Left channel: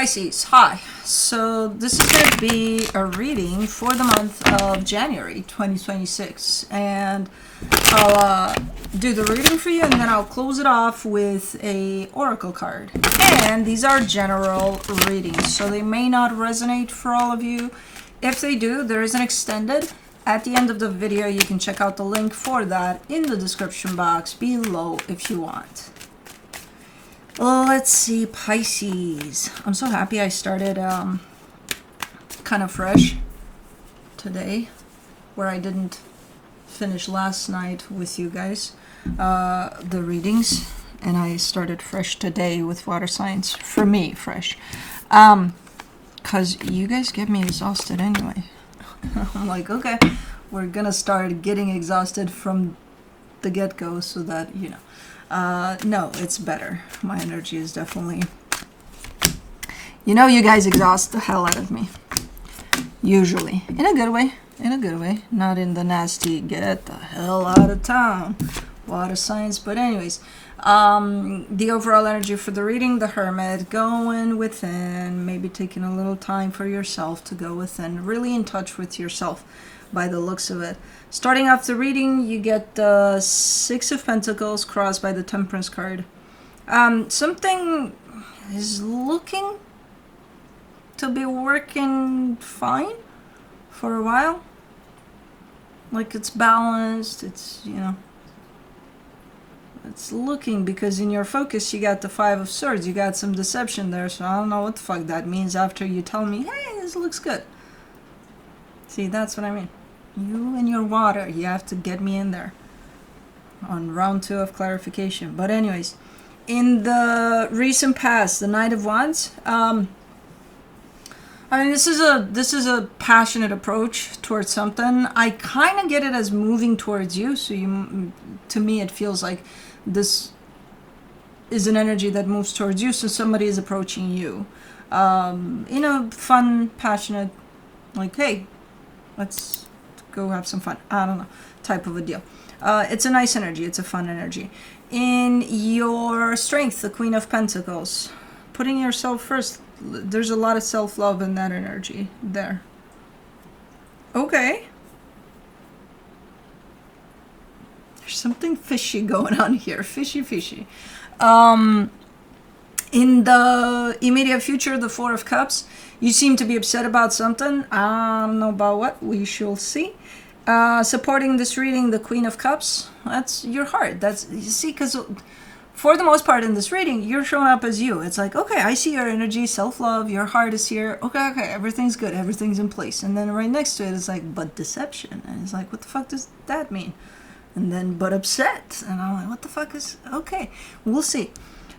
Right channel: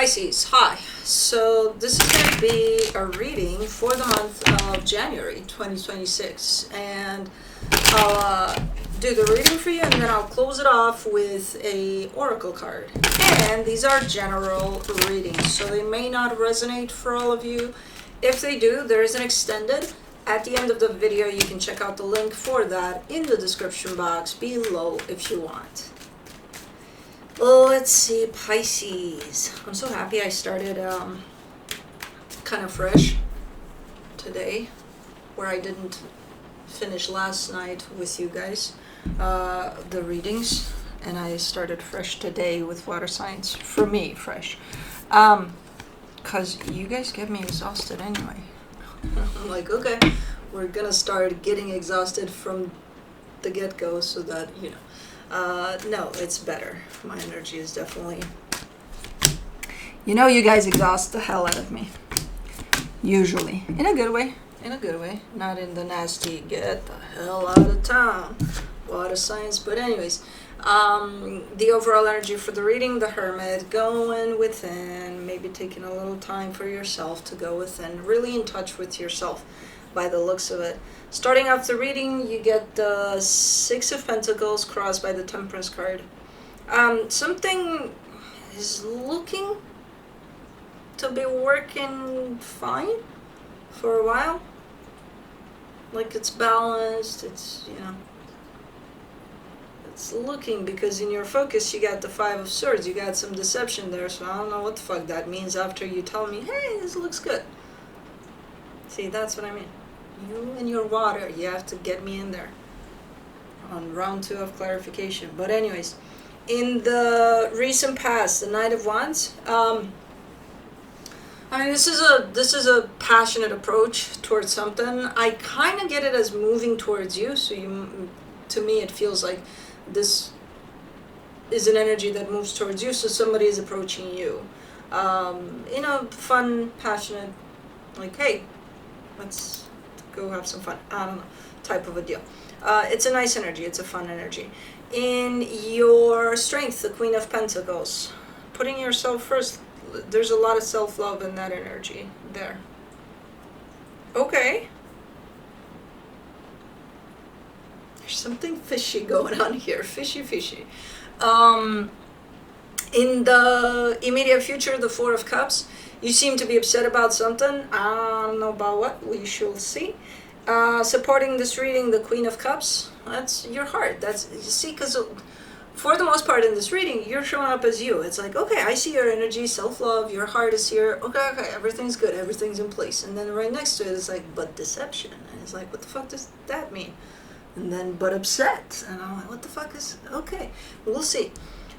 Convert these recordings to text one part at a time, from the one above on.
Pisces, hi. So this is going to be a reading for the month of January 2026. And I'll do the reading for you and then I'll close it off with a oracle card. And these are general readings, so they may not resonate for all of you. If they do, there is an extended. At the end of the video, you can check out the link for that in the description box below if you want. Let's see, Pisces. I'm so happy I started kind of fresh today, where I didn't finish last night with you guys, the readings, and I started fresh today with water signs. For me, fresh. Because you guys get me exhausted anyway. I'm like, okay, we're gonna start getting exhausted from the get-go so that, you know. No, it's better. My energy is definitely... You know, you guys exhaust the hell out of me. Usually. In a good way. In a good way. Not in the nasty, get the hell out of town. Water signs. But anyways, the overall energy for the reading, the Hermit, going within, maybe taking a little time for yourself to go within, really in touch with yourself by the looks of it. Starting off the reading, you get the Six of Pentacles crossed by the Temperance card. Something is looking to be working fine for a while. Like it's balanced, it's, you know, it's looking, because in your focus you got the Five of Swords, you got some deception there, so I don't know what the fuck that means after you tell me, hey, this looks good. See, that's what I mean. You and your water, you have to get me in there on round 2 of clarification. But anyways, in the recent past, the Knight of Wands, I mean, this is a passionate approach towards something. I kind of get it as moving towards you, so to me it feels like this is an energy that moves towards you, so somebody is approaching you in a fun, passionate, like, hey, let's go have some fun, I don't know, type of a deal. It's a nice energy, it's a fun energy. In your strength, the Queen of Pentacles, putting yourself first, there's a lot of self-love in that energy there. Okay. There's something fishy going on here, fishy. In the immediate future, the Four of Cups, you seem to be upset about something. I don't know about what. We shall see. Supporting this reading, the Queen of Cups. That's your heart. That's, you see, because for the most part in this reading, you're showing up as you. It's like, okay, I see your energy, self-love, your heart is here. Okay, everything's good. Everything's in place. And then right next to it is like, but deception. And it's like, what the fuck does that mean? And then, but upset. And I'm like, what the fuck is... Okay, we'll see.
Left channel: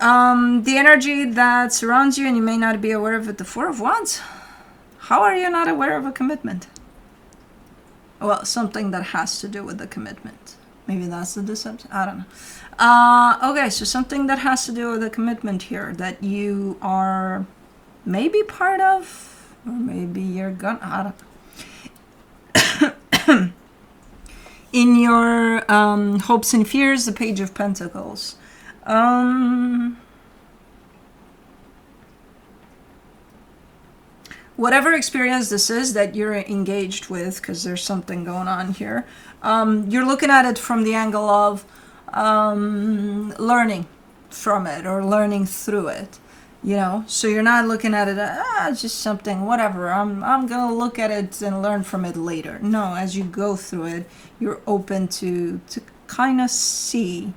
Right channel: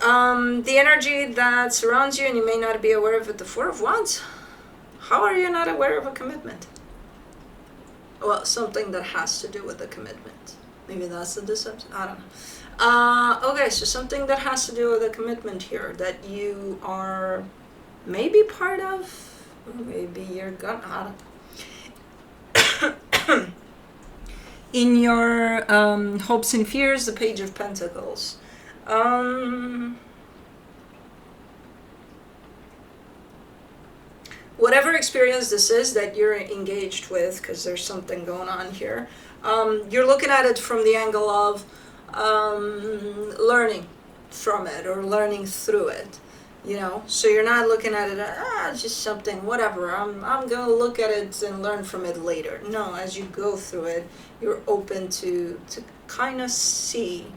The energy that surrounds you, and you may not be aware of it, the Four of Wands. How are you not aware of a commitment? Well, something that has to do with the commitment. Maybe that's the deception. I don't know. Okay, so something that has to do with the commitment here that you are maybe part of, or maybe you're gonna... I don't know. In your hopes and fears, the Page of Pentacles. Whatever experience this is that you're engaged with, because there's something going on here, you're looking at it from the angle of learning from it or learning through it, you know. So you're not looking at it it's just something, whatever, I'm gonna look at it and learn from it later. No, as you go through it, you're open to kind of see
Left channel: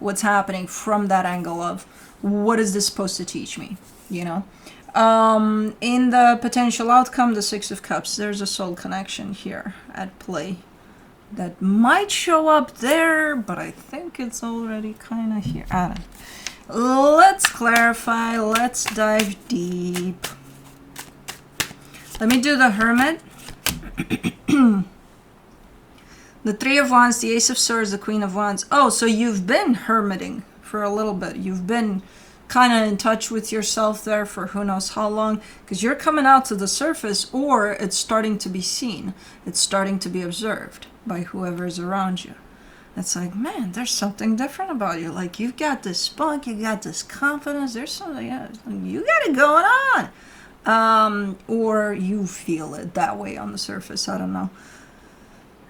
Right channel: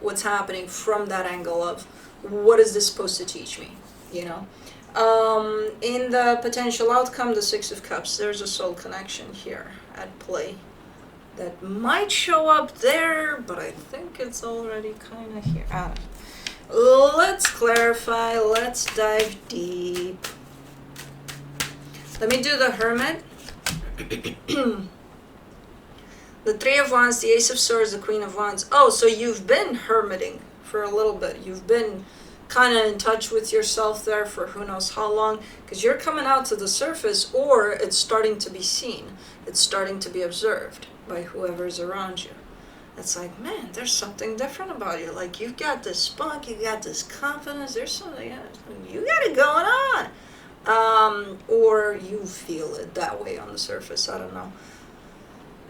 what's happening from that angle of, what is this supposed to teach me, you know. In the potential outcome, the Six of Cups, there's a soul connection here at play that might show up there, but I think it's already kind of here. I don't know. Let's clarify, let's dive deep. Let me do the Hermit. The Three of Wands, the Ace of Swords, the Queen of Wands. Oh, so you've been hermiting for a little bit. You've been kind of in touch with yourself there for who knows how long, because you're coming out to the surface, or it's starting to be seen. It's starting to be observed by whoever's around you. It's like, man, there's something different about you. Like, you've got this spunk, you got this confidence, there's something, you got it going on. Or you feel it that way on the surface. I don't know.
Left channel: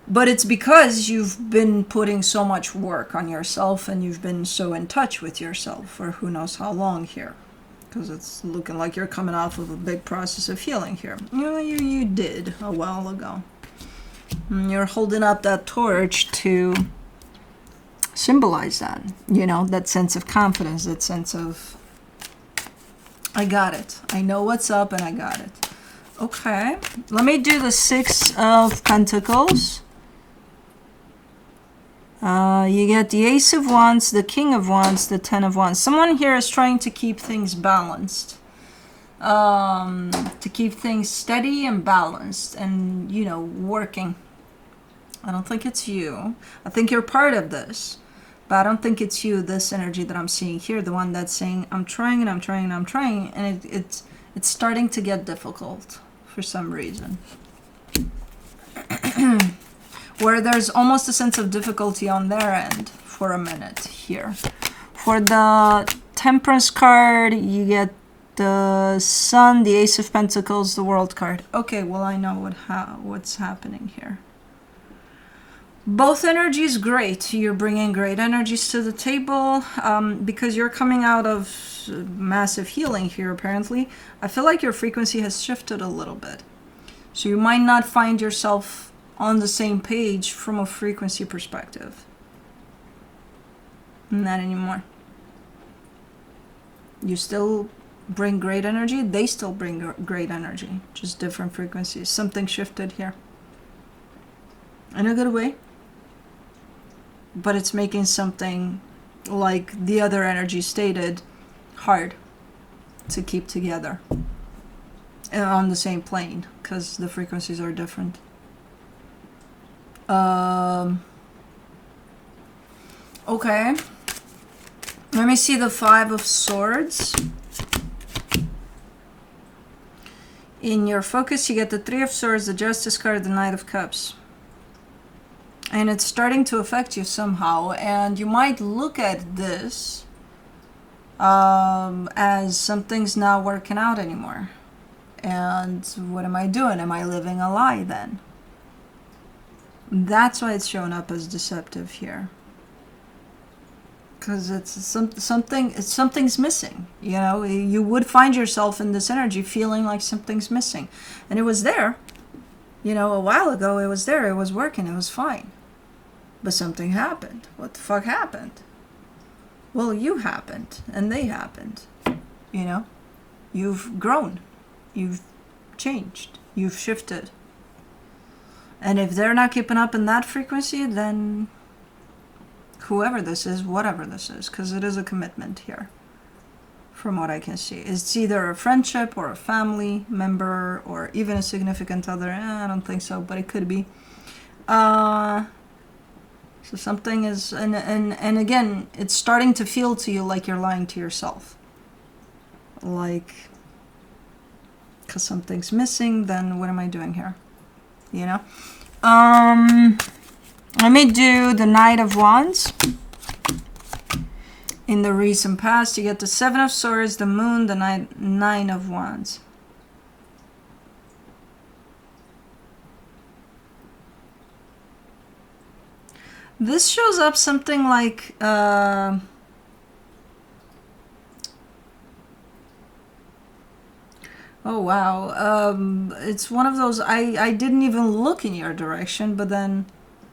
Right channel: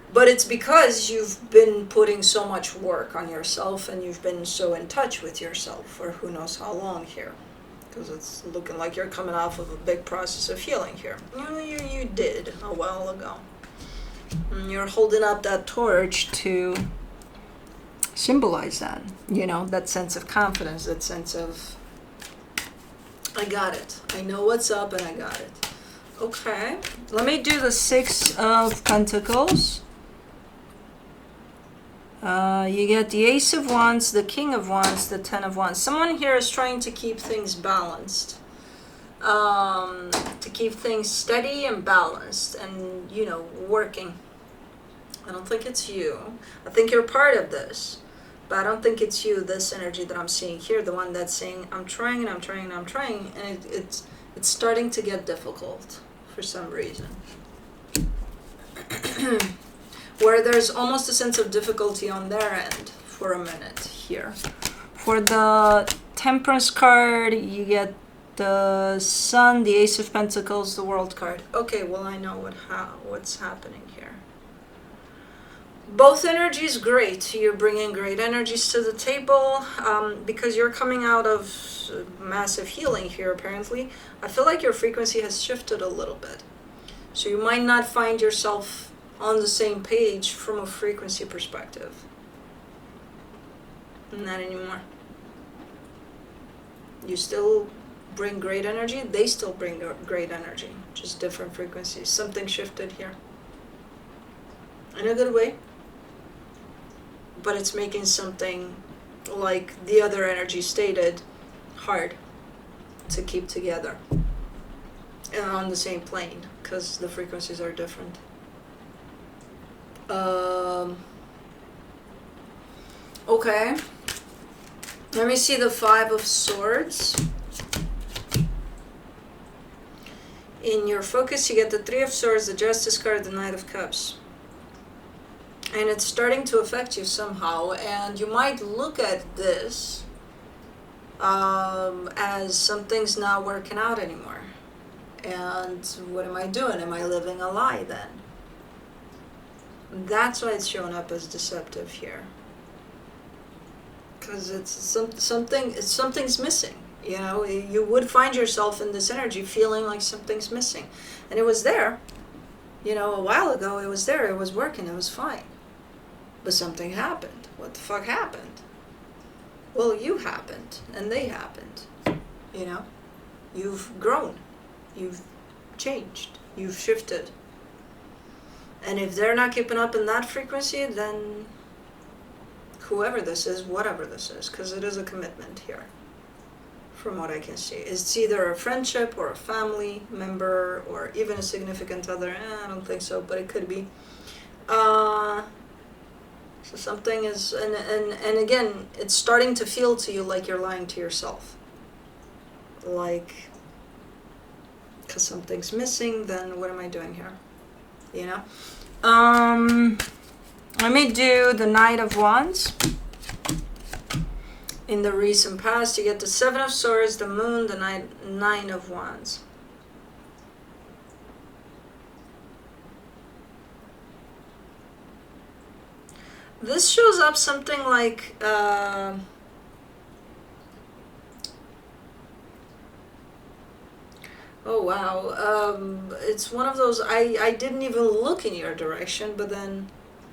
But it's because you've been putting so much work on yourself and you've been so in touch with yourself for who knows how long here. Because it's looking like you're coming off of a big process of healing here. You did a while ago. And you're holding up that torch to symbolize that. You know, that sense of confidence, that sense of, I got it. I know what's up and I got it. Okay. Let me do the Six of Pentacles. You get the Ace of Wands, the King of Wands, the Ten of Wands. Someone here is trying to keep things balanced. To keep things steady and balanced and, you know, working. I don't think it's you. I think you're part of this. But I don't think it's you, this energy that I'm seeing here. The one that's saying, I'm trying and I'm trying and I'm trying. And it's starting to get difficult for some reason. Where there's almost a sense of difficulty on their end for a minute here. For the Temperance card, you get the Sun, the Ace of Pentacles, the World card. Okay, well, I know what's happening here. Both energies great. You're bringing great energies to the table because you're coming out of massive healing here, apparently. I feel like your frequency has shifted a little bit. So you might not find yourself on the same page from a frequency perspective. Not anymore. You still bring great energy. They still bring great energy. Just different frequencies. Something shifted here. In a good way. But it's making something, like the other energy stated, hard to keep together. And on the same plane. Because the frequencies are different. Okay. Let me see the Five of Swords. In your focus, you get the Three of Swords, the Justice card, the Knight of Cups. And it's starting to affect you somehow. And you might look at this as something's not working out anymore. And what am I doing? Am I living a lie then? That's why it's showing up as deceptive here. Because it's something's missing. You know, you would find yourself in this energy feeling like something's missing. And it was there. You know, a while ago it was there. It was working. It was fine. But something happened. What the fuck happened? Well, you happened. And they happened. You know? You've grown. You've changed. You've shifted. And if they're not keeping up in that frequency, then whoever this is, whatever this is, because it is a commitment here, from what I can see. It's either a friendship or a family member or even a significant other. I don't think so, but it could be. So something is, and again, it's starting to feel to you like you're lying to yourself. Like, because something's missing, then what am I doing here? You know? Let me do the Knight of Wands. In the recent past, you get the Seven of Swords, the Moon, the Nine of Wands. This shows up something like... oh wow, it's one of those, I didn't even look in your direction, but then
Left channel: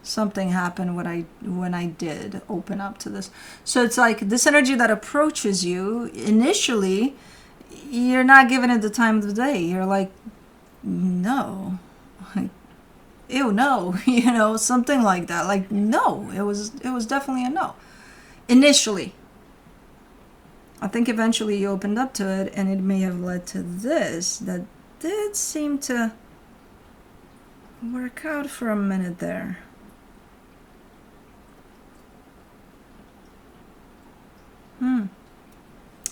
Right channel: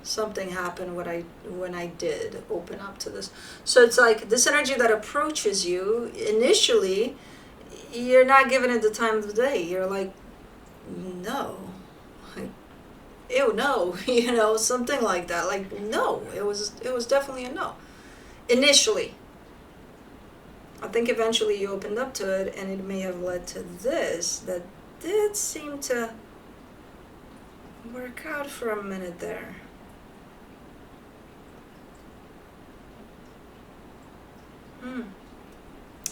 something happened when I did open up to this. So it's like this energy that approaches you, initially, you're not giving it the time of the day. You're like, no. Like, ew, no. You know, something like that. Like, no. It was definitely a no. Initially. I think eventually you opened up to it, and it may have led to this that did seem to work out for a minute there.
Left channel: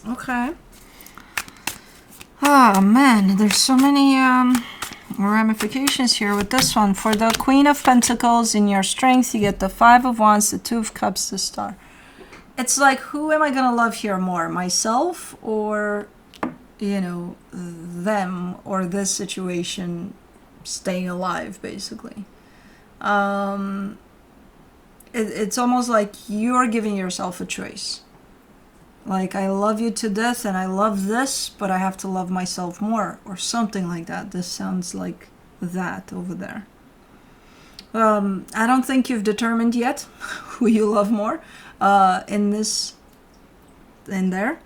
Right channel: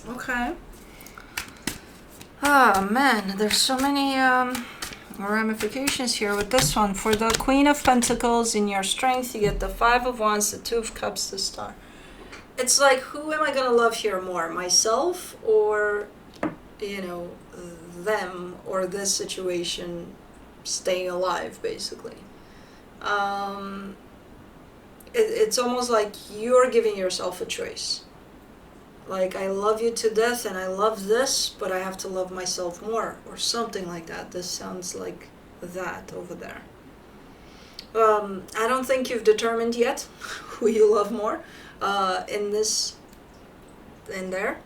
Okay. Oh man, there's so many ramifications here with this one. For the Queen of Pentacles, in your strength, you get the Five of Wands, the Two of Cups, the Star. It's like, who am I going to love here more? Myself or them or this situation staying alive, basically. It's almost like you're giving yourself a choice. Like, I love you to death and I love this, but I have to love myself more, or something like that. This sounds like that over there. I don't think you've determined yet who you love more in there,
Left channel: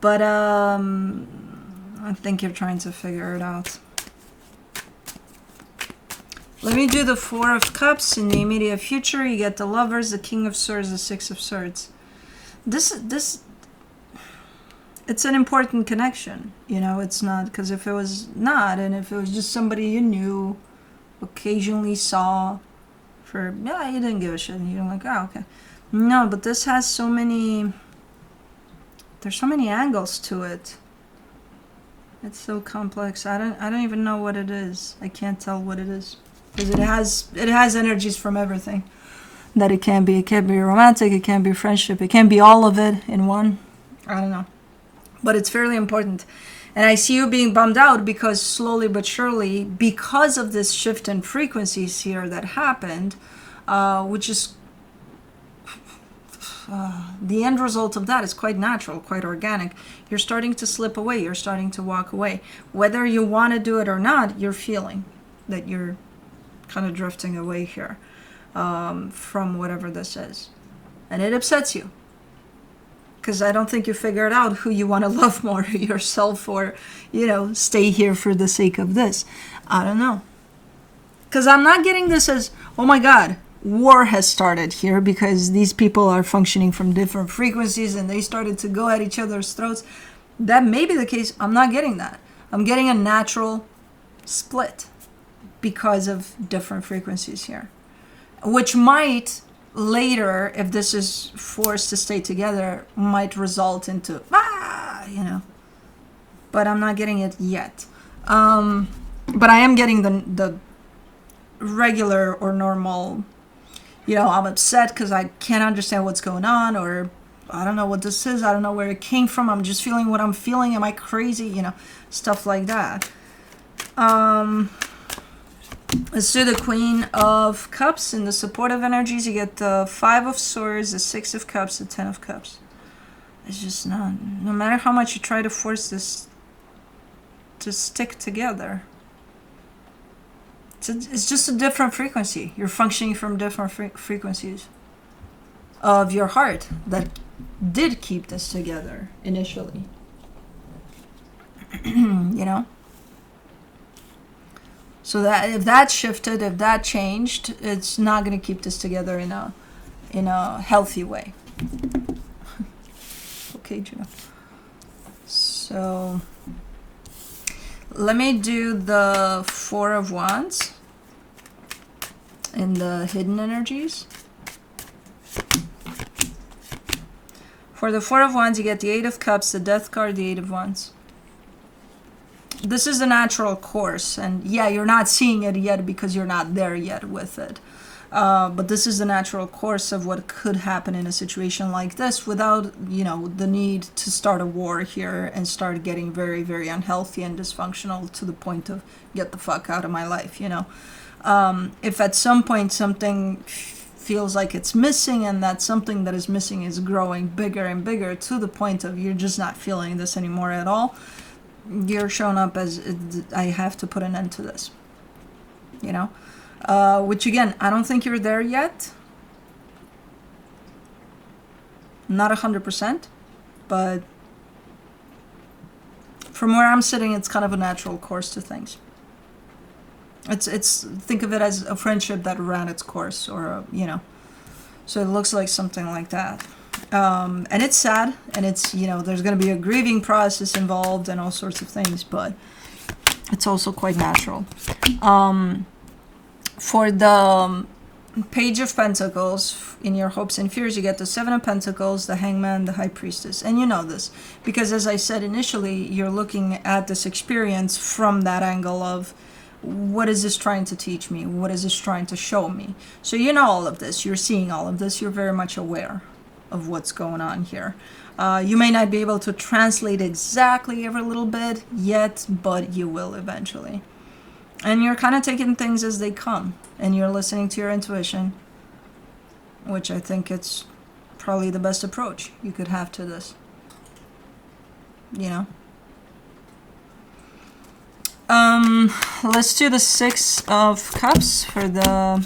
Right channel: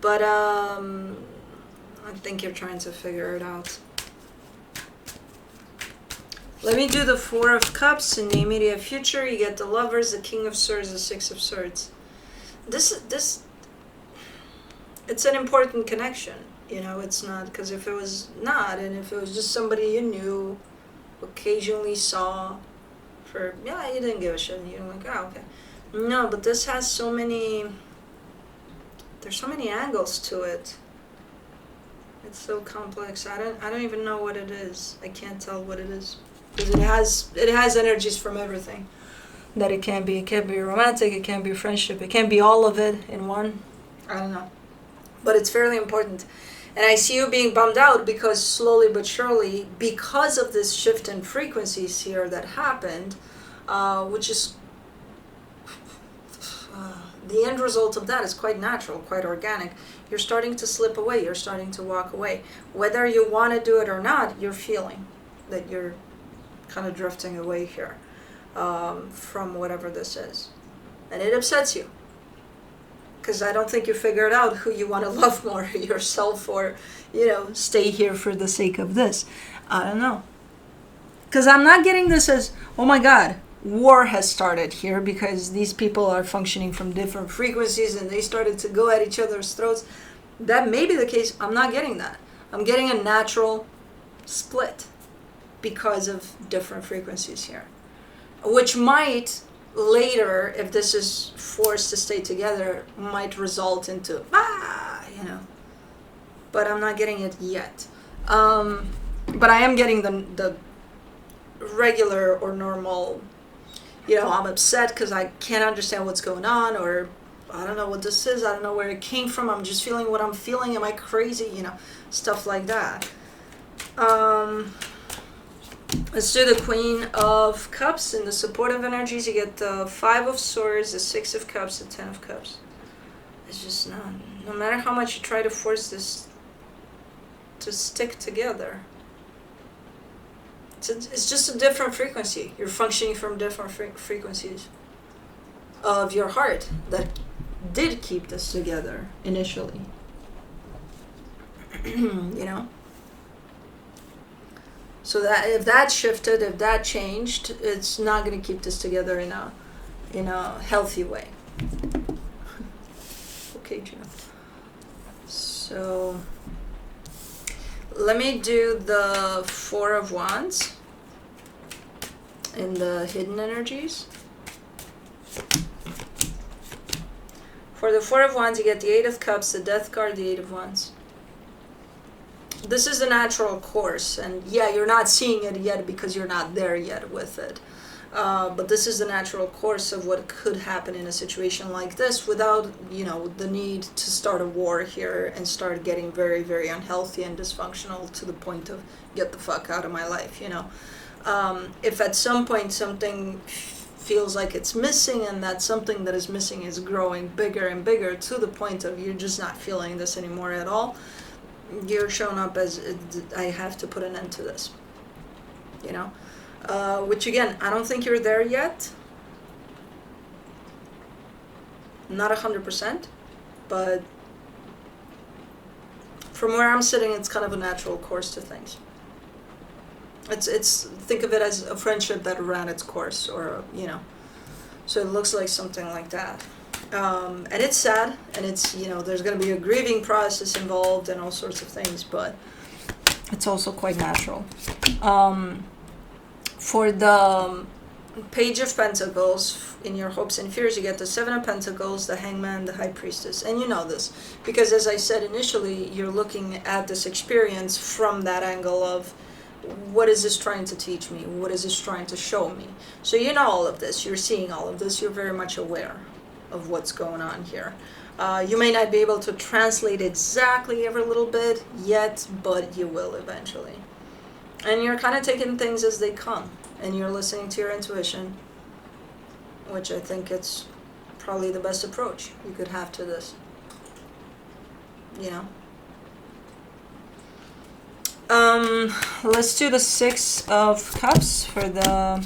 but I think you're trying to figure it out. Let me do the Four of Cups. In the immediate future, you get the Lovers, the King of Swords, the Six of Swords. This it's an important connection. It's not, because if it was not, and if it was just somebody you knew, occasionally saw, you didn't give a shit, and you're like, oh, okay. No, but this has so many, there's so many angles to it. It's so complex. I don't even know what it is. I can't tell what it is, because it has energies from everything that it can be. It can be romantic, it can be friendship, it can be all of it in one. I don't know. But it's fairly important. And I see you being bummed out because slowly but surely, because of this shift in frequencies here that happened, which is the end result of that is quite natural, quite organic. You're starting to slip away. You're starting to walk away. Whether you want to do it or not, you're feeling that you're kind of drifting away here from whatever this is. And it upsets you. Because I don't think you figured out who you want to love more, yourself or, stay here for the sake of this. I don't know. Because I'm not getting this as, oh my God, war has started here because these people are functioning from different frequencies and they started to go at each other's throats. That may be the case. I'm not getting that. I'm getting a natural split because of different frequencies here. Which might later, if this is forced to stay together, might result into but I'm not getting it yet. But I am getting the regular or normal, I'm upset because I can't understand what's going on, or I don't know what this is, I don't know where it came from, I'm just feeling what I'm feeling, am I crazy, stuff like that. Let's do the Queen of Cups. In the supportive energies, you get the Five of Swords, the Six of Cups, the Ten of Cups. It's just not. No matter how much you try to force this to stick together, it's just a different frequency. You're functioning from different frequencies of your heart that did keep this together initially. So that if that shifted, if that changed, it's not going to keep this together in a healthy way. Okay, Gina. So let me do the Four of Wands in the hidden energies. For the Four of Wands, you get the Eight of Cups, the Death card, the Eight of Wands. This is the natural course, and you're not seeing it yet because you're not there yet with it. But this is the natural course of what could happen in a situation like this without, the need to start a war here and start getting very, very unhealthy and dysfunctional to the point of get the fuck out of my life, If at some point something feels like it's missing and that something that is missing is growing bigger and bigger to the point of you're just not feeling this anymore at all, you're shown up as I have to put an end to this, which again, I don't think you're there yet, not 100%, but from where I'm sitting, it's kind of a natural course to things. It's think of it as a friendship that ran its course, or so it looks like something like that. And it's sad, and it's, there's going to be a grieving process involved and all sorts of things, but it's also quite natural. For the Page of Pentacles, in your hopes and fears, you get the Seven of Pentacles, the Hangman, the High Priestess. And you know this, because as I said initially, you're looking at this experience from that angle of, what is this trying to teach me? What is this trying to show me? So you know all of this, you're seeing all of this, you're very much aware of what's going on here. You may not be able to translate exactly every little bit yet, but you will eventually. And you're kind of taking things as they come, and you're listening to your intuition, which I think it's probably the best approach you could have to this. You know? Let's do the Six of Cups for the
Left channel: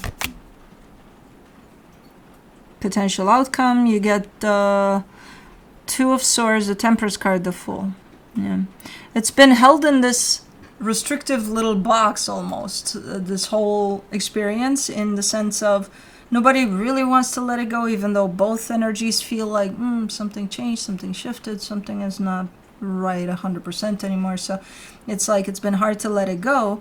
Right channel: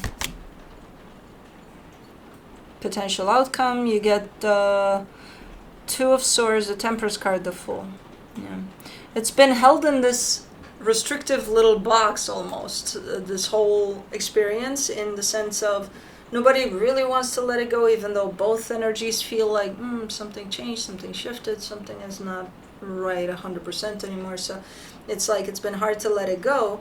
potential outcome. You get the Two of Swords, the Temperance card, the Fool. Yeah. It's been held in this restrictive little box almost, this whole experience, in the sense of nobody really wants to let it go, even though both energies feel like something changed, something shifted, something is not right 100% anymore. So it's like it's been hard to let it go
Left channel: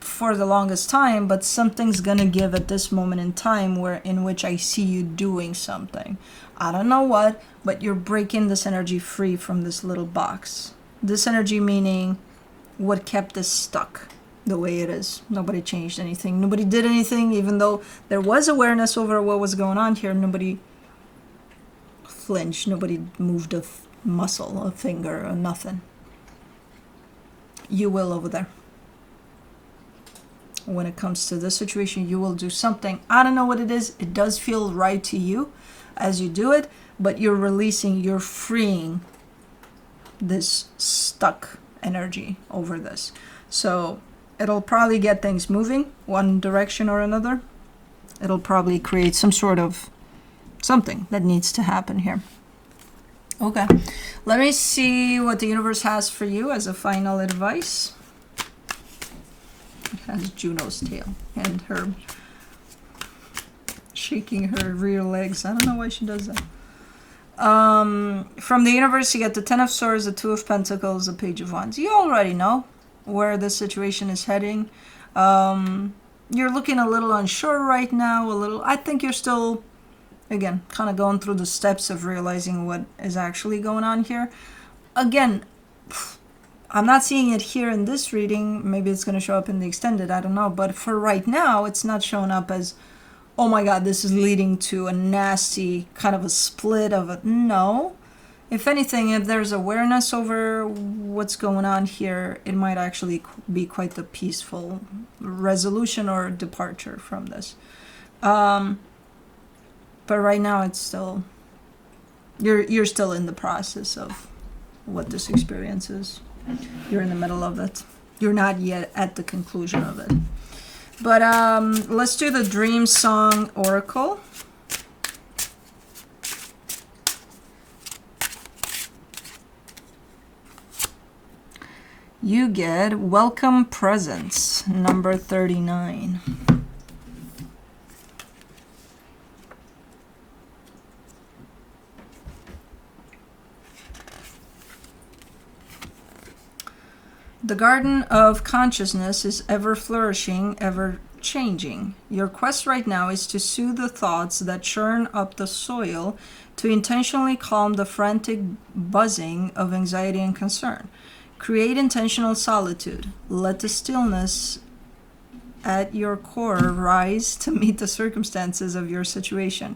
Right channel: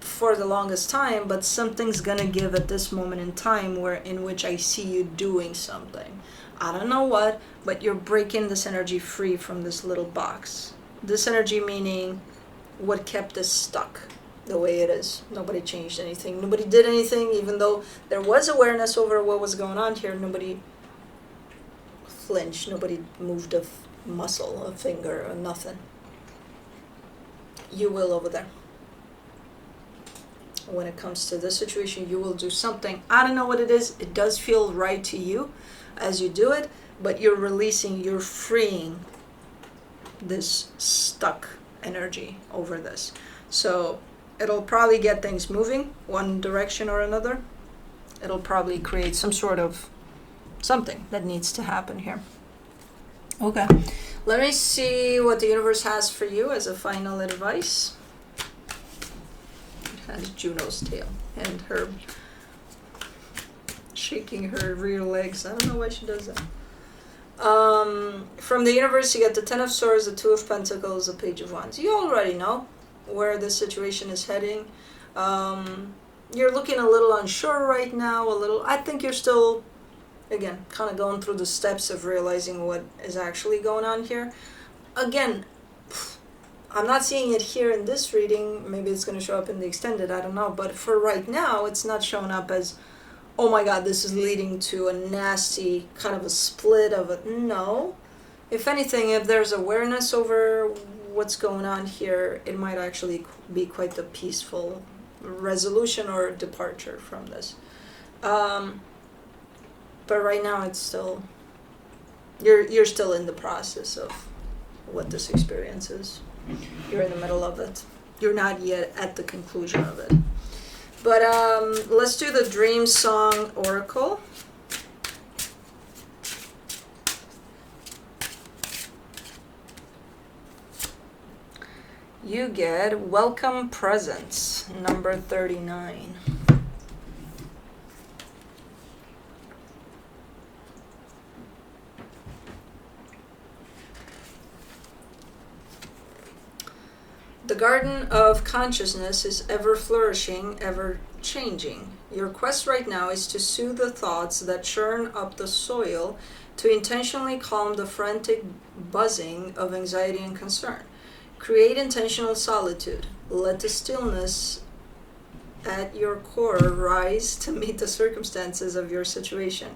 for the longest time, but something's gonna give at this moment in time in which I see you doing something. I don't know what, but you're breaking this energy free from this little box. This energy meaning what kept us stuck the way it is. Nobody changed anything. Nobody did anything, even though there was awareness over what was going on here. Nobody flinched. Nobody moved a muscle, a finger, or nothing. You will over there. When it comes to this situation, you will do something. I don't know what it is. It does feel right to you as you do it, but you're releasing, you're freeing this stuck energy over this. So it'll probably get things moving one direction or another. It'll probably create some sort of something that needs to happen here. Okay, let me see what the universe has for you as a final advice. It has Juno's tail and her shaking her rear legs. I don't know why she does that. From the universe, you get the Ten of Swords, the Two of Pentacles, the Page of Wands. You already know where this situation is heading. You're looking a little unsure right now, I think you're still, again, kind of going through the steps of realizing what is actually going on here. Again, I'm not seeing it here in this reading. Maybe it's going to show up in the extended, I don't know. But for right now, it's not showing up as, oh my God, this is leading to a nasty kind of a split of it. No. If anything, if there's awareness over what's going on here, it might actually be quite the peaceful resolution or departure from this. But right now, it's still, you're still in the process of what this experience is. You're in the middle of it. You're not yet at the conclusion of it. But let's do the Dream Song Oracle. You get Welcome Presents, number 39. The garden of consciousness is ever flourishing, ever changing. Your quest right now is to soothe the thoughts that churn up the soil, to intentionally calm the frantic buzzing of anxiety and concern. Create intentional solitude. Let the stillness at your core rise to meet the circumstances of your situation.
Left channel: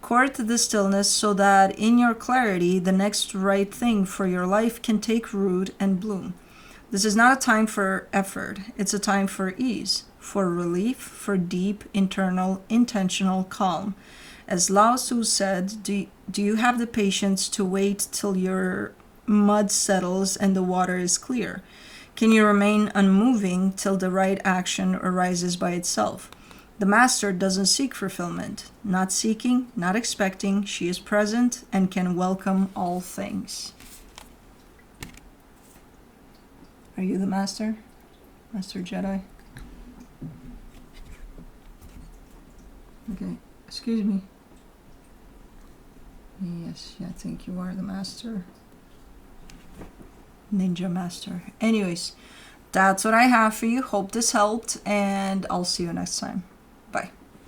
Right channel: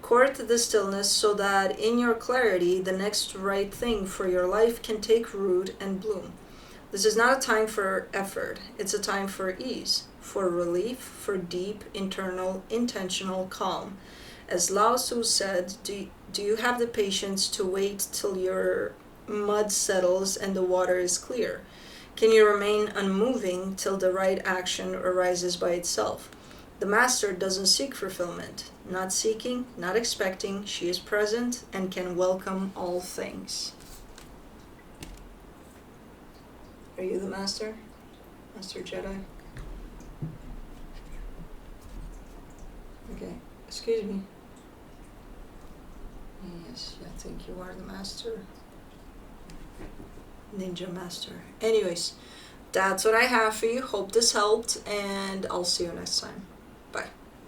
Court the stillness so that in your clarity, the next right thing for your life can take root and bloom. This is not a time for effort. It's a time for ease, for relief, for deep, internal, intentional calm. As Lao Tzu said, do you have the patience to wait till your mud settles and the water is clear? Can you remain unmoving till the right action arises by itself? The master doesn't seek fulfillment. Not seeking, not expecting, she is present and can welcome all things. Are you the master? Master Jedi? Okay, excuse me. Yes, I think you are the master. Ninja master. Anyways, that's what I have for you. Hope this helped, and I'll see you next time.